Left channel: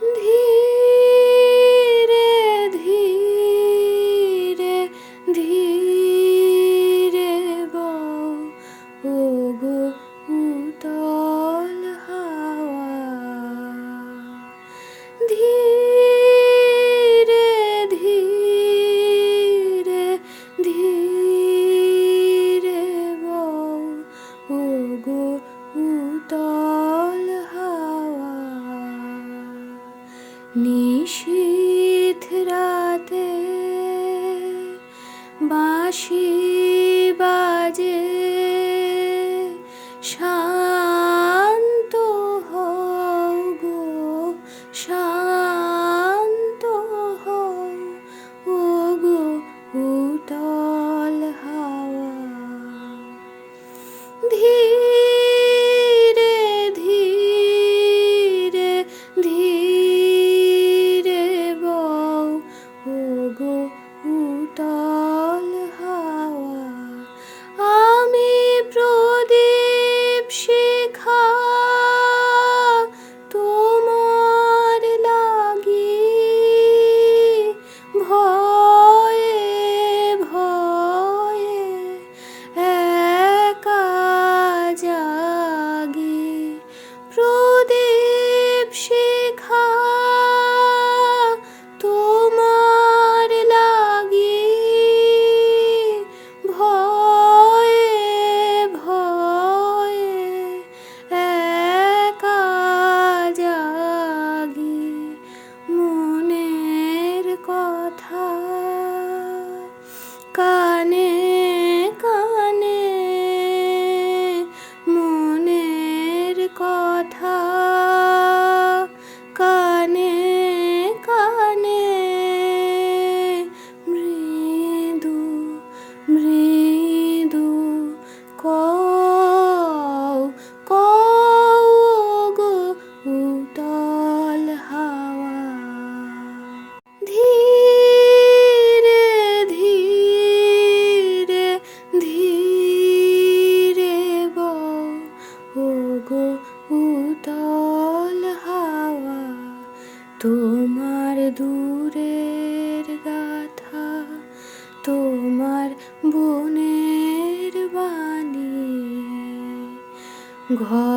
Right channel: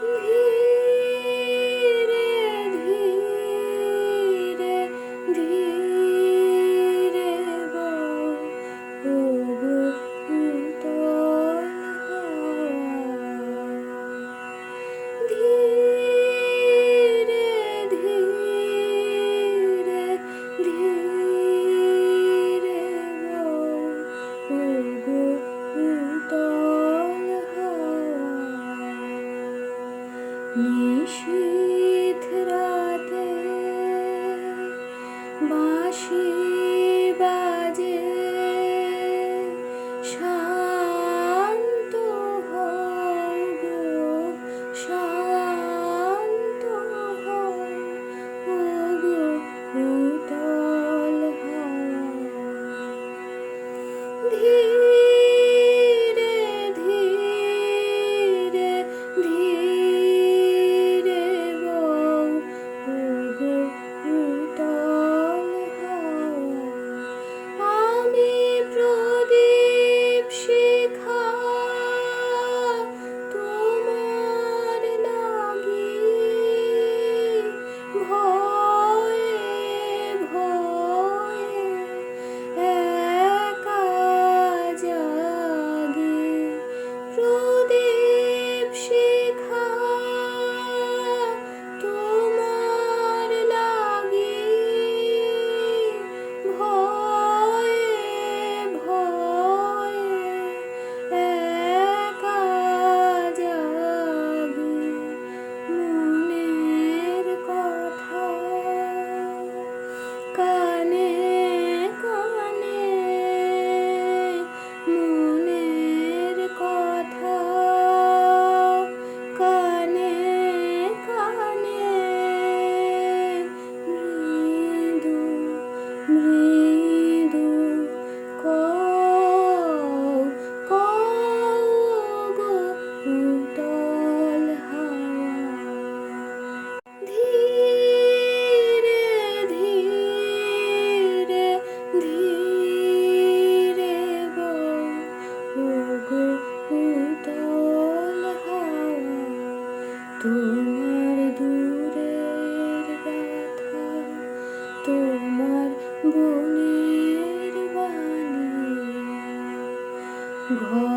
ধীরে ধীরে ধীরে বও ওগো উতল হাওয়া, ধীরে ধীরে ধীরে বও ওগো উতল হাওয়া। নিশীথ রাতে বাঁশি বাজে, শান্ত হও গো শান্ত হও ওগো উতল হাওয়া, ধীরে ধীরে ধীরে বও ওগো উতল হাওয়া। আমি প্রদীপ শিখা তোমার লাগি, ভয়ে ভয়ে একা জাগি, প্রদীপ শিখা তোমার লাগি, ভয়ে ভয়ে একা জাগি। মনের কথা কানে কানে, মনের কথা কানে কানে, মৃদু মৃদু কও কও গো উতল হাওয়া, ধীরে ধীরে ধীরে বও ওগো উতল হাওয়া। তোমার দূরের গাথা, তোমার বনের বাণী, ঘর